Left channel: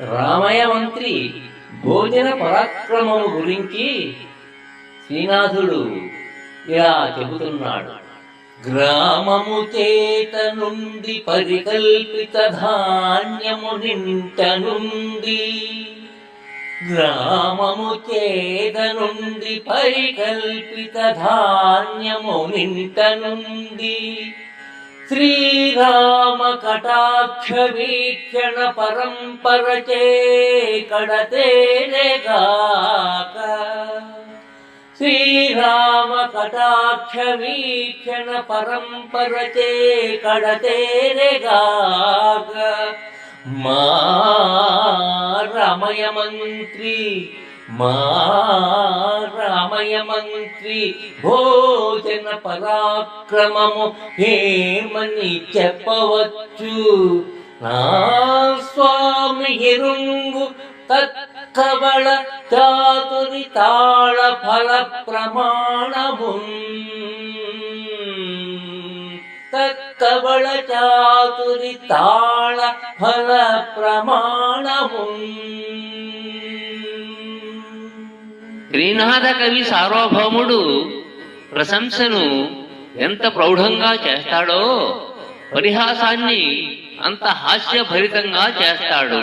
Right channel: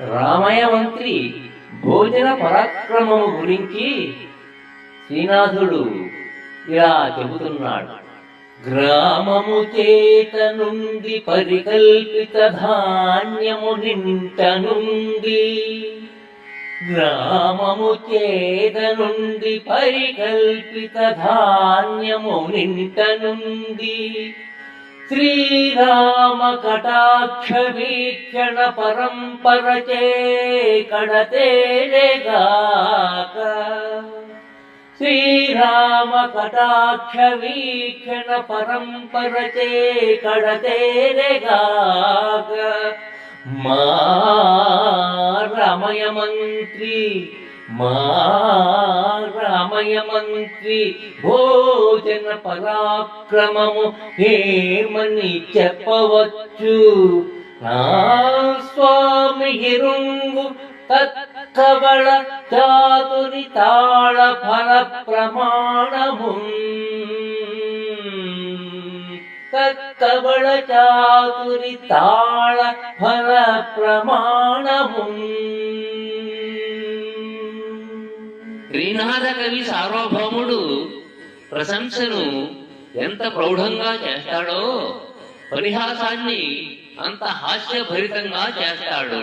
రామయ్య మంత్రి భోజన పరాక్రమము గురించి శ్రీనాథుడు ఇలా చెబుతున్నాడు. గ్రామము చేత నుండి పరికల్పిత ధాన్యము నింట నుండి, గ్రామము చేత నుండి పరికల్పిత ధాన్యము నింట నుండి, శ్రీరామ కటాక్ష వీక్షణ పరంపరచే కడతేరేగాక, శ్రీరామ కటాక్ష వీక్షణ పరంపరచే కడతేరేగాక. మా రామయ్య మంత్రి, మా రామయ్య మంత్రి భోజన పరాక్రమము ఏమని చెప్పవచ్చు? నా స్వామి ఎరుంగు తత్కబళ చాతురి తాళ ఫల ప్రమాణము, తత్కబళ చాతురి తాళ ఫల ప్రమాణము. శ్రీనాథ కవి సార్వభౌముడు ప్రశంసను ఎంత ప్రౌఢంగా చేస్తాడో పరిహాసాన్ని అంత హాస్యభరితంగా చేస్తాడు.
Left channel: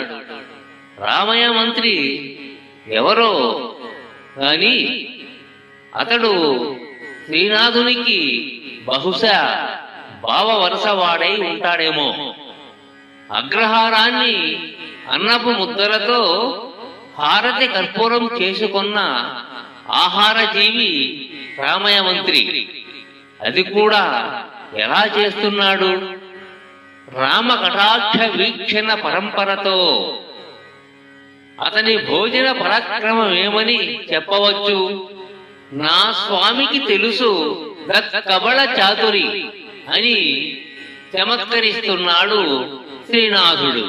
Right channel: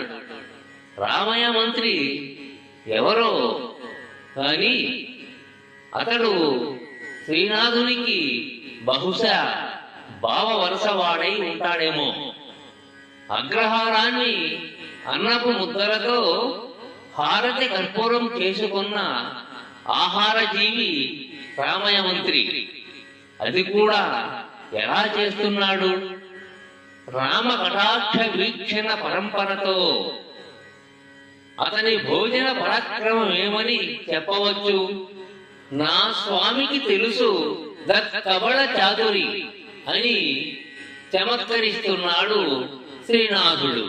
రామయ్య మంత్రి ఎవరో కాని అతడు శ్రీనాథునికి బహుశా భావ వరసవాడై ఉంటాడేమో. అగ్రహారాన్ని అన్నపు ముద్దలతో హారతి కర్పూరం చేసుకున్న ఆహార జీవి రామయ్య మంత్రి. అది కూడా ఎలా చేస్తున్నాడు? రామ కటాక్ష వీక్షణ పరంపరతో. అతని భోజన పరాక్రమం ఏమని చెప్పవచ్చు? నా స్వామికి తెలుసు దక్కబళ చాతురి అని చమత్కరిస్తున్నాడు శ్రీనాథుడు.